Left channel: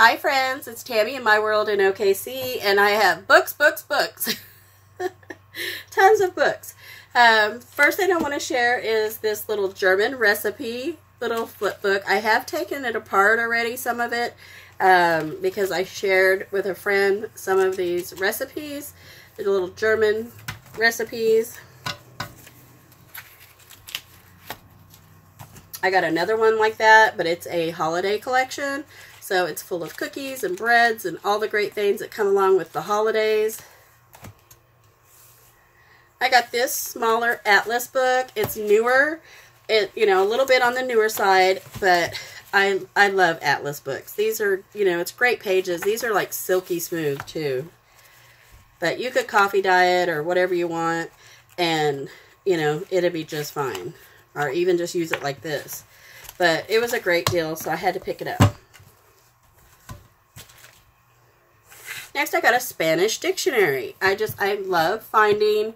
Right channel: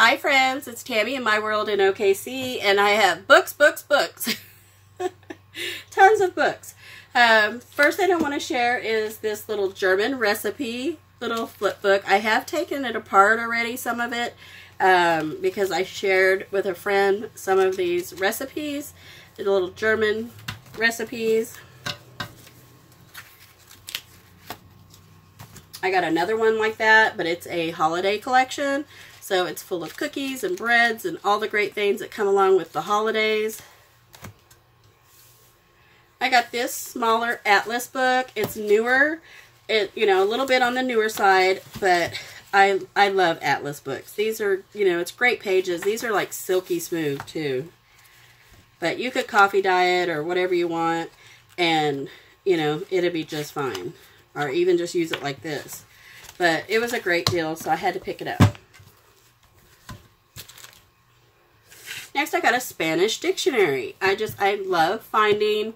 Hi friends, it's Tammy in my world in OKC, and I have books. Tons of books. First thing I want to share is this little German recipe little flip book. I have taken it apart already, some of it, because I shared with a friend some of these recipes, the little German recipes. I got another one like that, but it's a holiday collection. So it's full of cookies and breads and all the great things that come along with the holidays. I got this smaller atlas book. It's newer. A little bit on the newer side, but I love atlas books. These are, it's great pages. These are like silky smooth too. But you could coffee dye it or whatever you want, and, it'll be just fine. Or even just use it like this. But it was a great deal, so I had to pick it up. Next, I got a Spanish dictionary. I love finding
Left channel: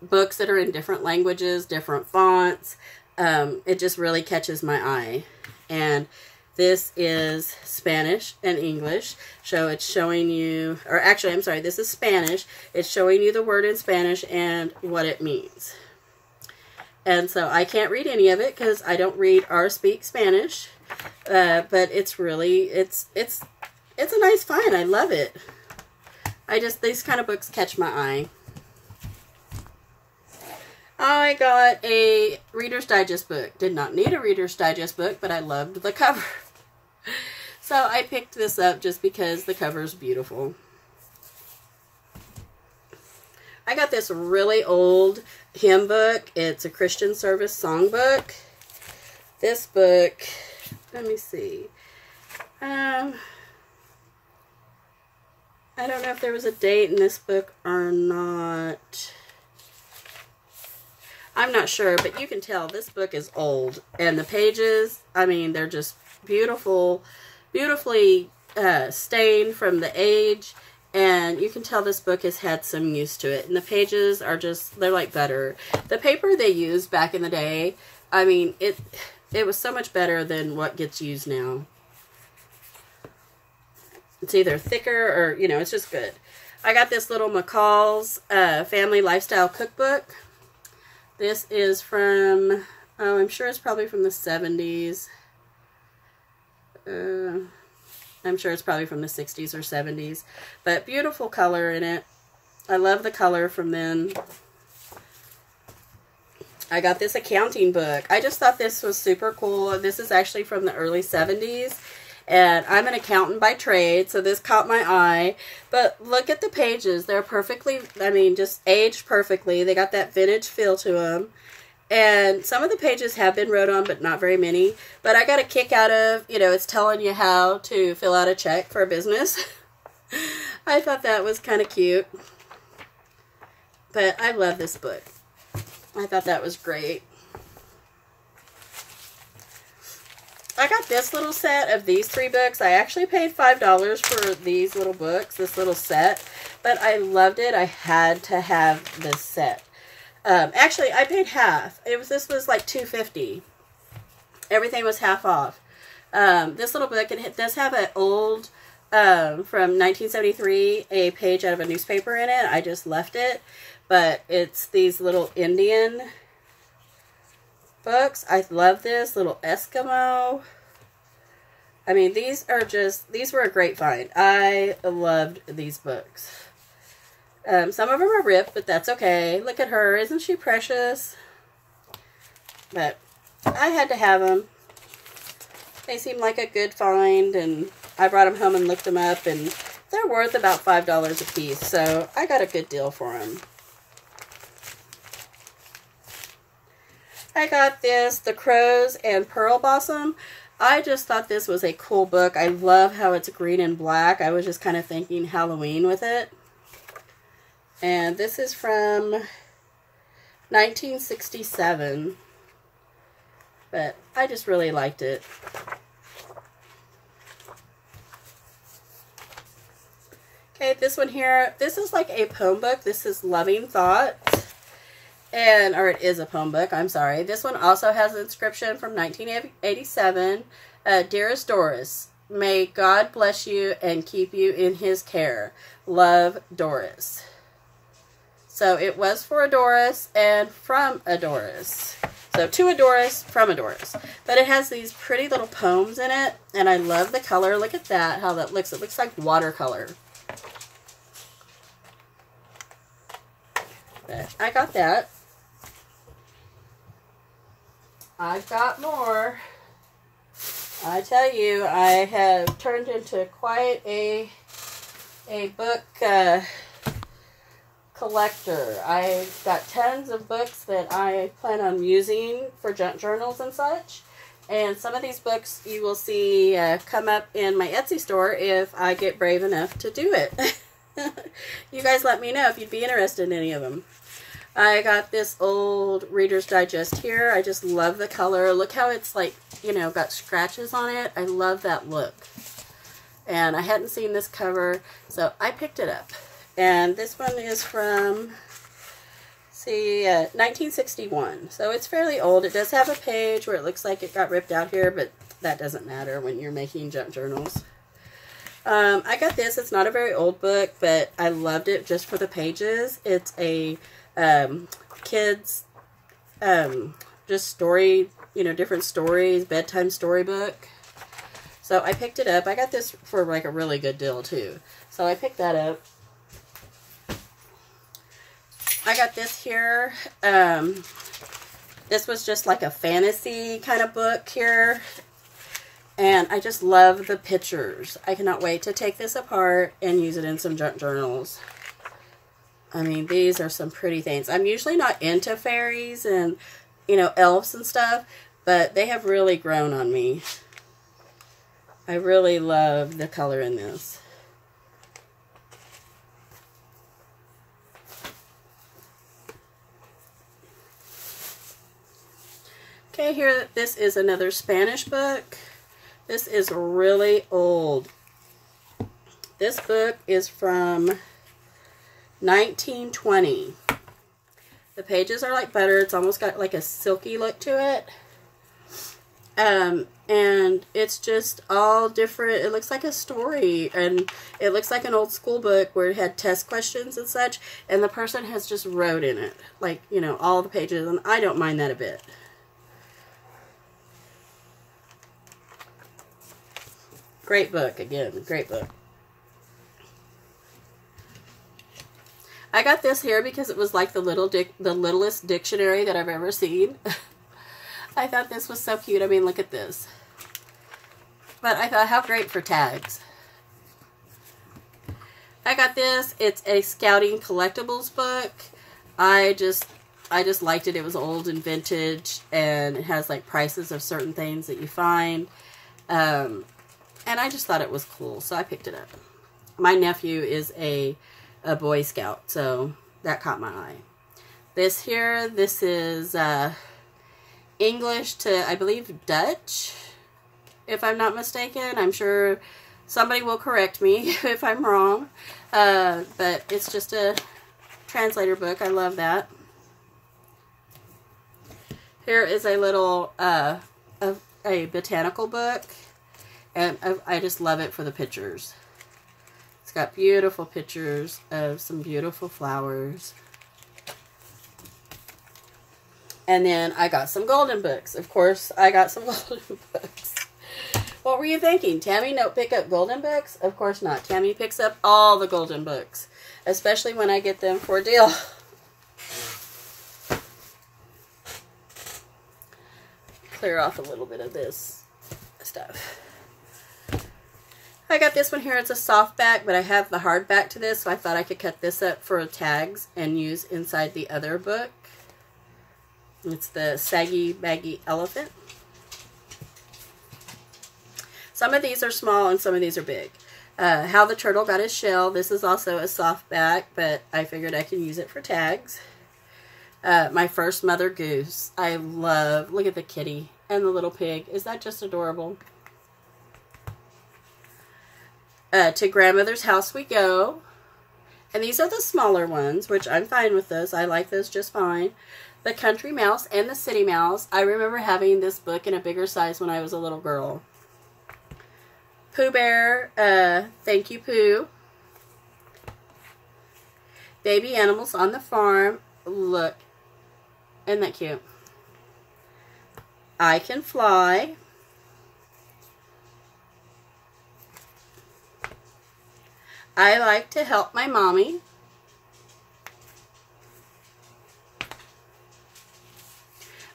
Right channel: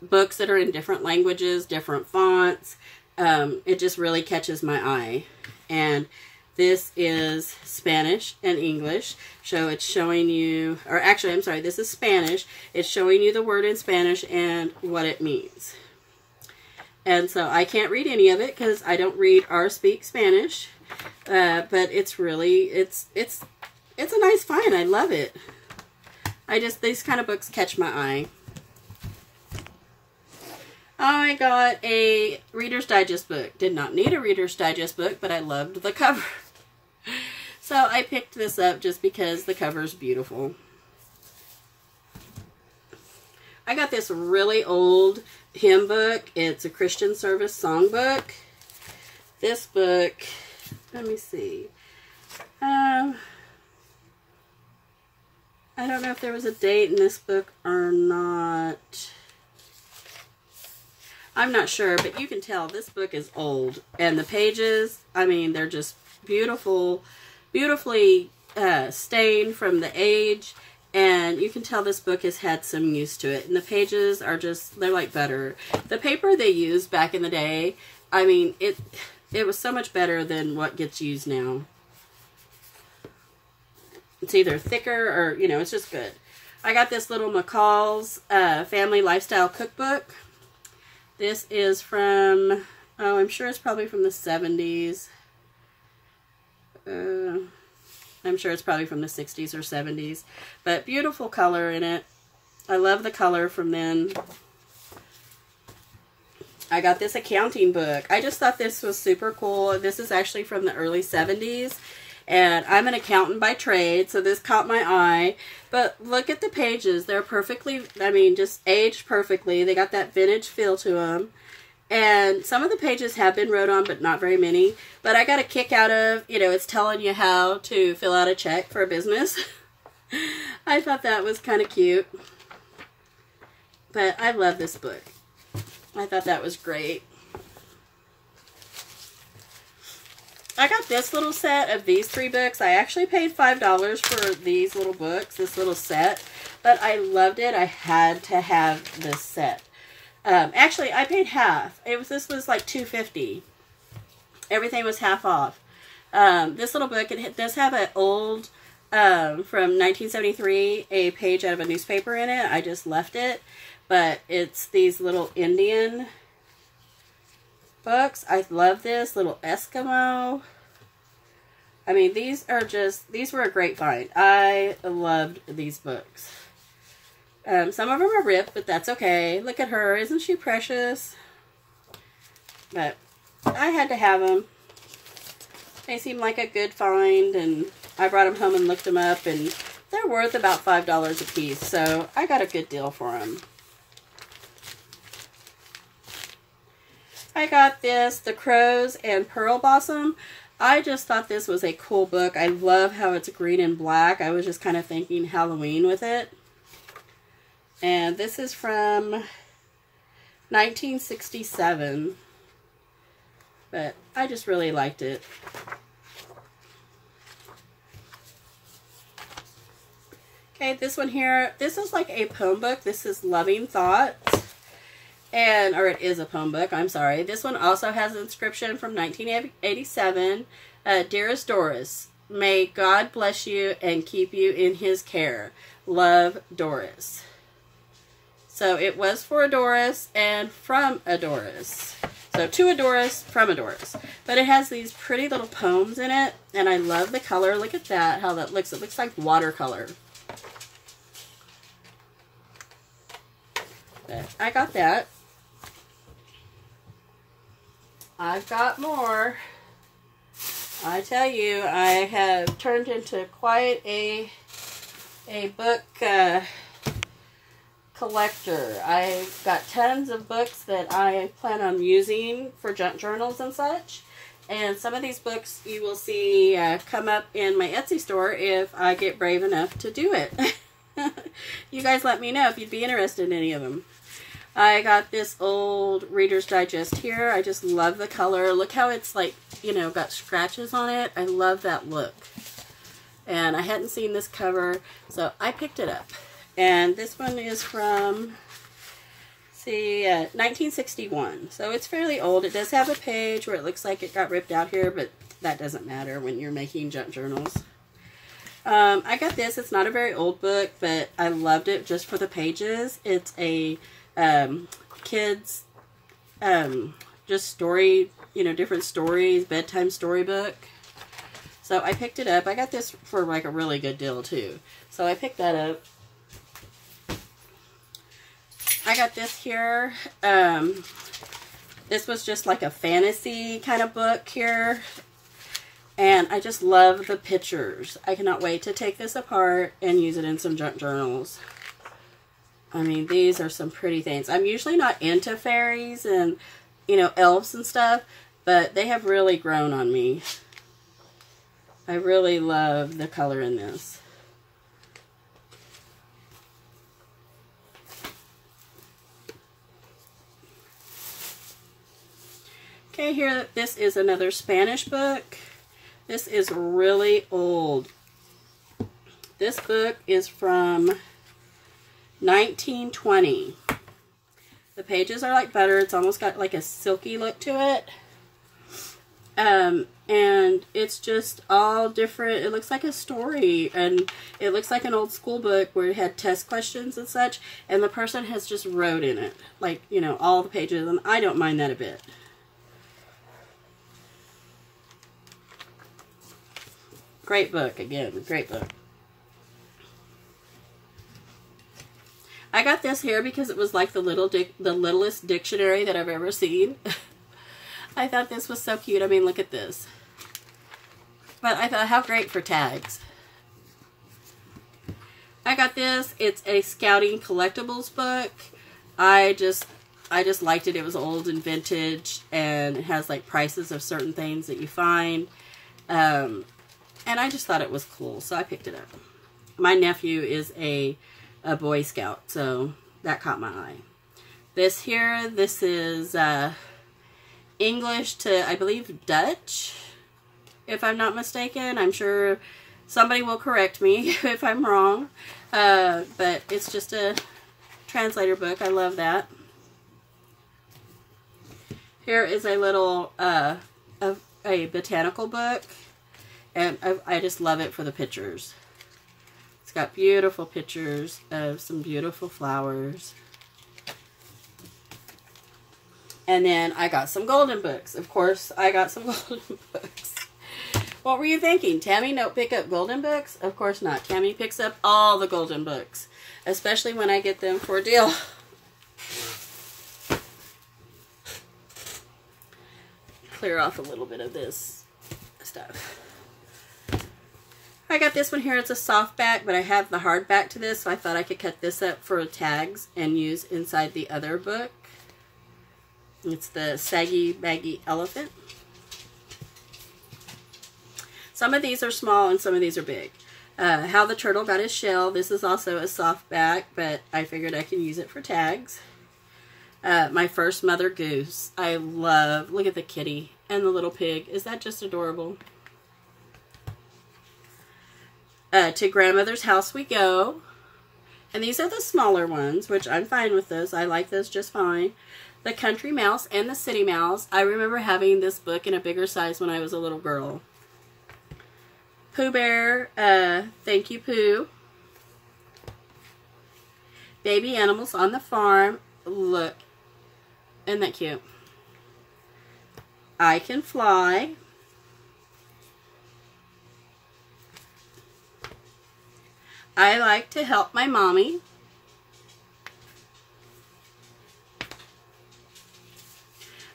books that are in different languages, different fonts. It just really catches my eye. And this is Spanish and English. So it's showing you, or actually, I'm sorry, this is Spanish. It's showing you the word in Spanish and what it means. And so I can't read any of it because I don't read or speak Spanish. But it's really, it's a nice find. I love it. These kind of books catch my eye. I got a Reader's Digest book. Did not need a Reader's Digest book, but I loved the cover. So I picked this up just because the cover is beautiful. I got this really old hymn book. It's a Christian service song book. This book, let me see. I don't know if there was a date in this book or not. I'm not sure, but you can tell this book is old. And the pages, they're just beautiful, beautifully stained from the age. And you can tell this book has had some use to it. And the pages are they're like butter. The paper they used back in the day, it was so much better than what gets used now. It's either thicker or, it's just good. I got this little McCall's Family Lifestyle Cookbook. This is from, I'm sure it's probably from the 70s. I'm sure it's probably from the 60s or 70s. But beautiful color in it. I love the color from then. I got this accounting book. I just thought this was super cool. This is actually from the early 70s. And I'm an accountant by trade, so this caught my eye. But look at the pages. They're perfectly, just aged perfectly. They got that vintage feel to them. And some of the pages have been wrote on, but not very many. But I got a kick out of, it's telling you how to fill out a check for a business. I thought that was kind of cute. But I love this book. I thought that was great. I got this little set of these 3 books. I actually paid $5 for these little books, this little set. But I loved it. I had to have this set. Actually, I paid half. This was like $2.50. Everything was half off. This little book, it does have an old, from 1973, a page out of a newspaper in it. I just left it. But it's these little Indian books. I love this little Eskimo. These were a great find. I loved these books. Some of them are ripped, but that's okay. Look at her. Isn't she precious? But I had to have them. They seemed like a good find, and I brought them home and looked them up, and they're worth about $5 a piece, so I got a good deal for them. I got this, The Crows and Pearl Blossom. I just thought this was a cool book. I love how it's green and black. I was just kind of thinking Halloween with it. And this is from 1967. But I just really liked it. Okay, this one here, this is like a poem book. This is Loving Thoughts. Or it is a poem book, I'm sorry. This one also has an inscription from 1987. Dearest Doris, May God bless you and keep you in his care. Love, Doris. So it was for Doris and from Doris. So to Doris, from Doris. But it has these pretty little poems in it. And I love the color. Look at that, how that looks. It looks like watercolor. But I got that. I've got more. I tell you, I have turned into quite a book collector. I've got tons of books that I plan on using for junk journals and such. And some of these books you will see come up in my Etsy store if I get brave enough to do it. You guys let me know if you'd be interested in any of them. I got this old Reader's Digest here. I just love the color. Look how it's like, you know, got scratches on it. I love that look. And I hadn't seen this cover, so I picked it up. And this one is from, see, 1961. So it's fairly old. It does have a page where it looks like it got ripped out here, but that doesn't matter when you're making junk journals. I got this. It's not a very old book, but I loved it just for the pages. It's a kids, just story, you know, different stories, bedtime storybook. So I picked it up. I got this for like a really good deal too. So I picked that up. I got this here. This was just like a fantasy kind of book here. And I just love the pictures. I cannot wait to take this apart and use it in some junk journals. I mean, these are some pretty things. I'm usually not into fairies and, you know, elves and stuff, but they have really grown on me. I really love the color in this. Okay, here, this is another Spanish book. This is really old. This book is from 1920. The pages are like butter. It's almost got like a silky look to it. And it's just all different. It looks like a story, and it looks like an old school book where it had test questions and such, and the person has just wrote in it, like, you know, all the pages, and I don't mind that a bit. Great book, again, great book. I got this here because it was like the littlest dictionary that I've ever seen. I thought this was so cute. I mean, look at this. But I thought, how great for tags. I got this. It's a Scouting Collectibles book. I just liked it. It was old and vintage, and it has like prices of certain things that you find. And I just thought it was cool, so I picked it up. My nephew is a Boy Scout, so that caught my eye. This here, this is English to, I believe, Dutch, if I'm not mistaken. I'm sure somebody will correct me if I'm wrong, but it's just a translator book. I love that. Here is a little, a botanical book, and I just love it for the pictures. It's got beautiful pictures of some beautiful flowers. And then I got some golden books. Of course, I got some golden books. What were you thinking? Tammy don't pick up golden books? Of course not. Tammy picks up all the golden books, especially when I get them for a deal. Clear off a little bit of this stuff. I got this one here. It's a softback, but I have the hardback to this, so I thought I could cut this up for tags and use inside the other book. It's the Saggy Baggy Elephant. Some of these are small and some of these are big. How the Turtle Got His Shell. This is also a softback, but I figured I could use it for tags. My First Mother Goose. I love, look at the kitty and the little pig. Is that just adorable? To Grandmother's House We Go. And these are the smaller ones, which I'm fine with those. I like those just fine. The Country Mouse and the City Mouse. I remember having this book in a bigger size when I was a little girl. Pooh Bear, Thank You Pooh. Baby Animals on the Farm. Look, isn't that cute? I Can Fly. I Like to Help My Mommy.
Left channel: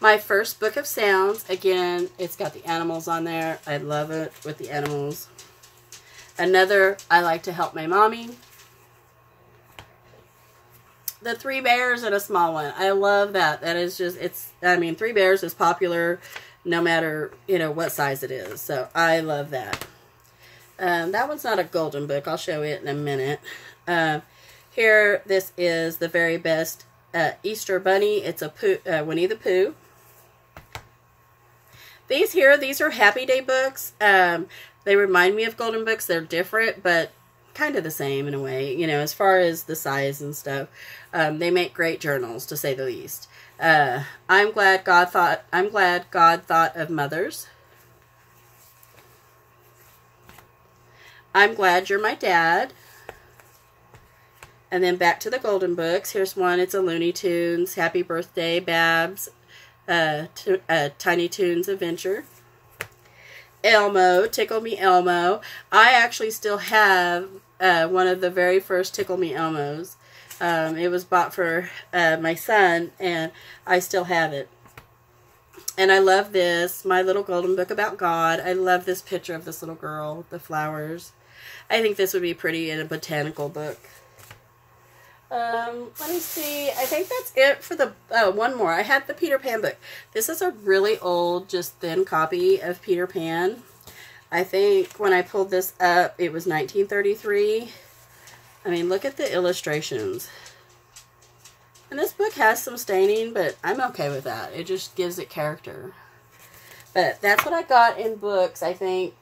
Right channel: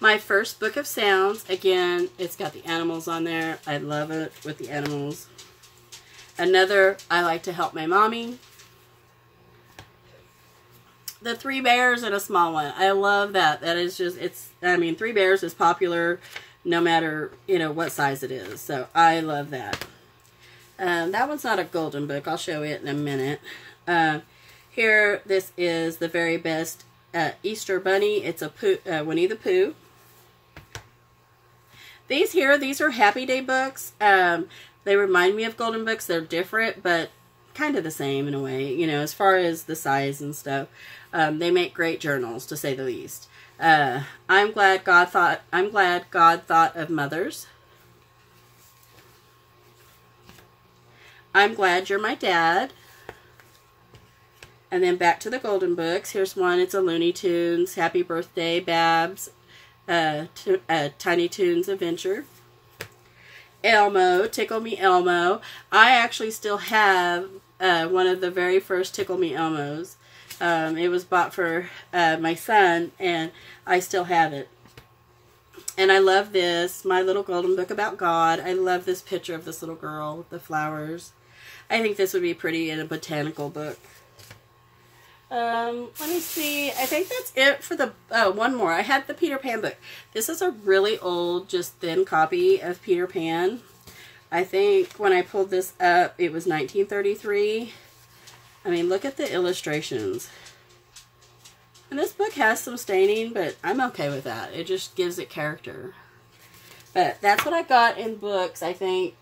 My First Book of Sounds. Again, it's got the animals on there. I love it with the animals. Another, I Like to Help My Mommy. The Three Bears and a small one. I love that. That is just, I mean, Three Bears is popular no matter, you know, what size it is. So, I love that. That one's not a golden book. I'll show it in a minute. Here, this is The Very Best Easter Bunny. It's a Winnie the Pooh. These are Happy Day books. They remind me of golden books. They're different, but kind of the same in a way, you know, as far as the size and stuff. They make great journals, to say the least. I'm glad God thought of mothers. I'm Glad You're My Dad. And then back to the golden books. Here's one. It's a Looney Tunes. Happy Birthday, Babs. Tiny Toons Adventure. Elmo. Tickle Me Elmo. I actually still have one of the very first Tickle Me Elmos. It was bought for my son, and I still have it. And I love this. My Little Golden Book About God. I love this picture of this little girl with the flowers. I think this would be pretty in a botanical book. Let me see. I think that's it for the, one more. I had the Peter Pan book. This is a really old, just thin copy of Peter Pan. I think when I pulled this up, it was 1933. I mean, look at the illustrations. And this book has some staining, but I'm okay with that. It just gives it character. But that's what I got in books, I think,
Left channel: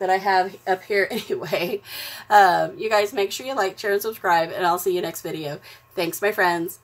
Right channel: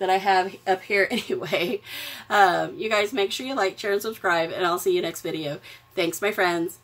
that I have up here anyway. You guys make sure you like, share, and subscribe, and I'll see you next video. Thanks, my friends.